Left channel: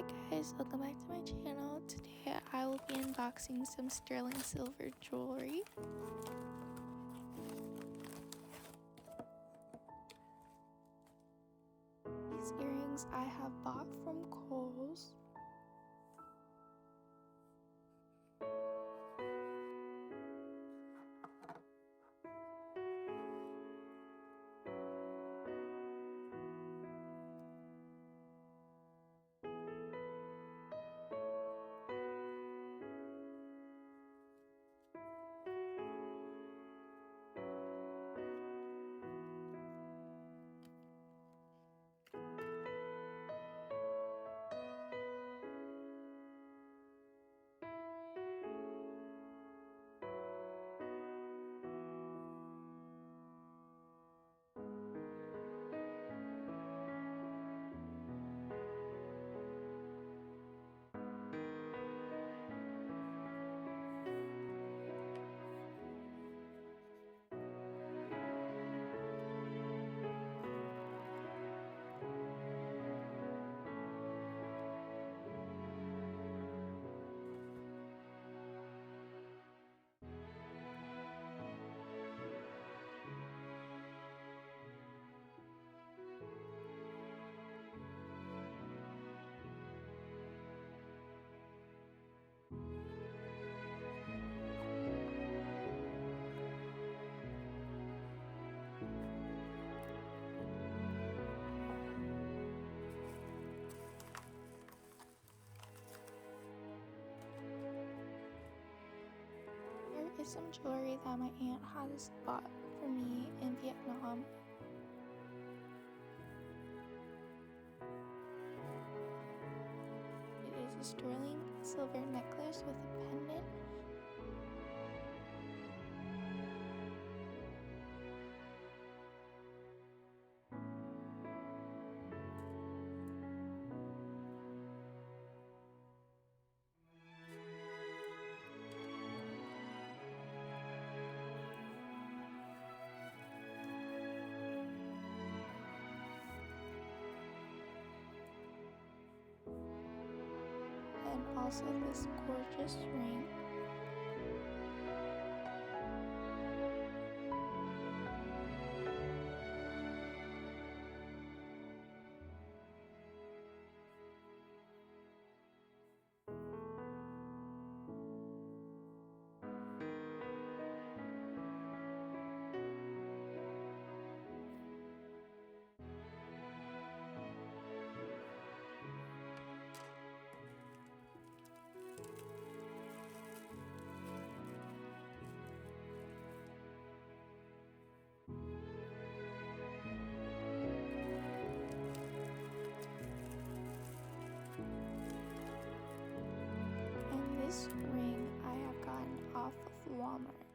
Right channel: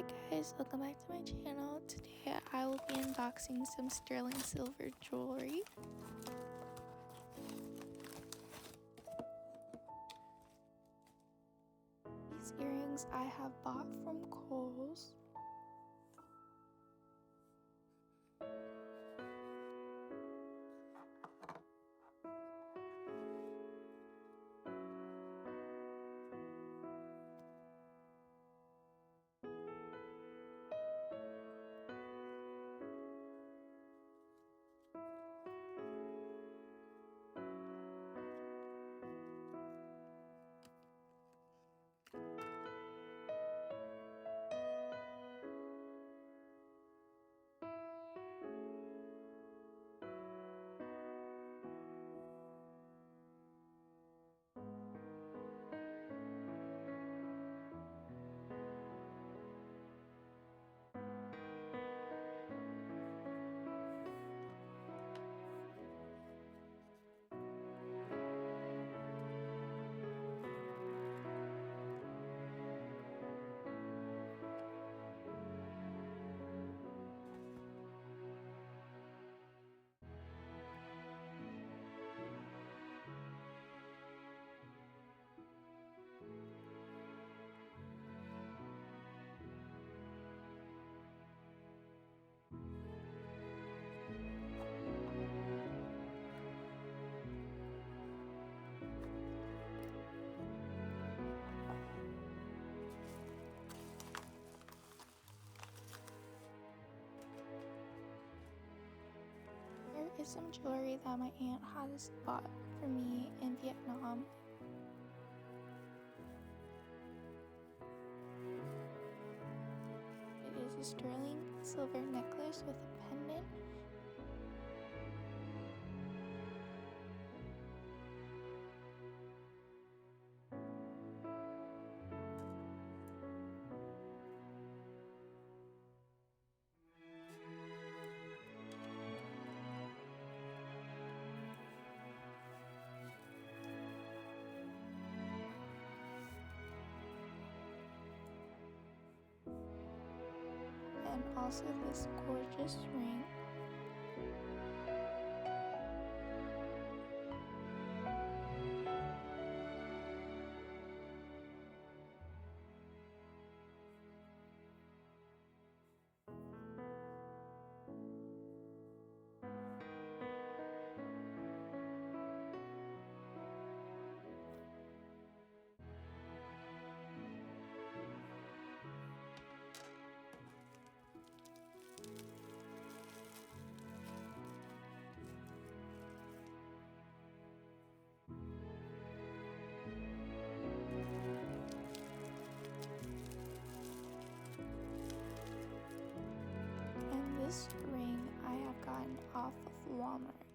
Hi guys, welcome back to my channel. Today I will be unboxing some sterling silver jewelry. These earrings I have bought from Kohl's. Here is some jewelry that my aunt has bought for me in Vietnam. It is a sterling silver necklace with a pendant. And also this gorgeous ring. And this ring I have gotten off of Walmart.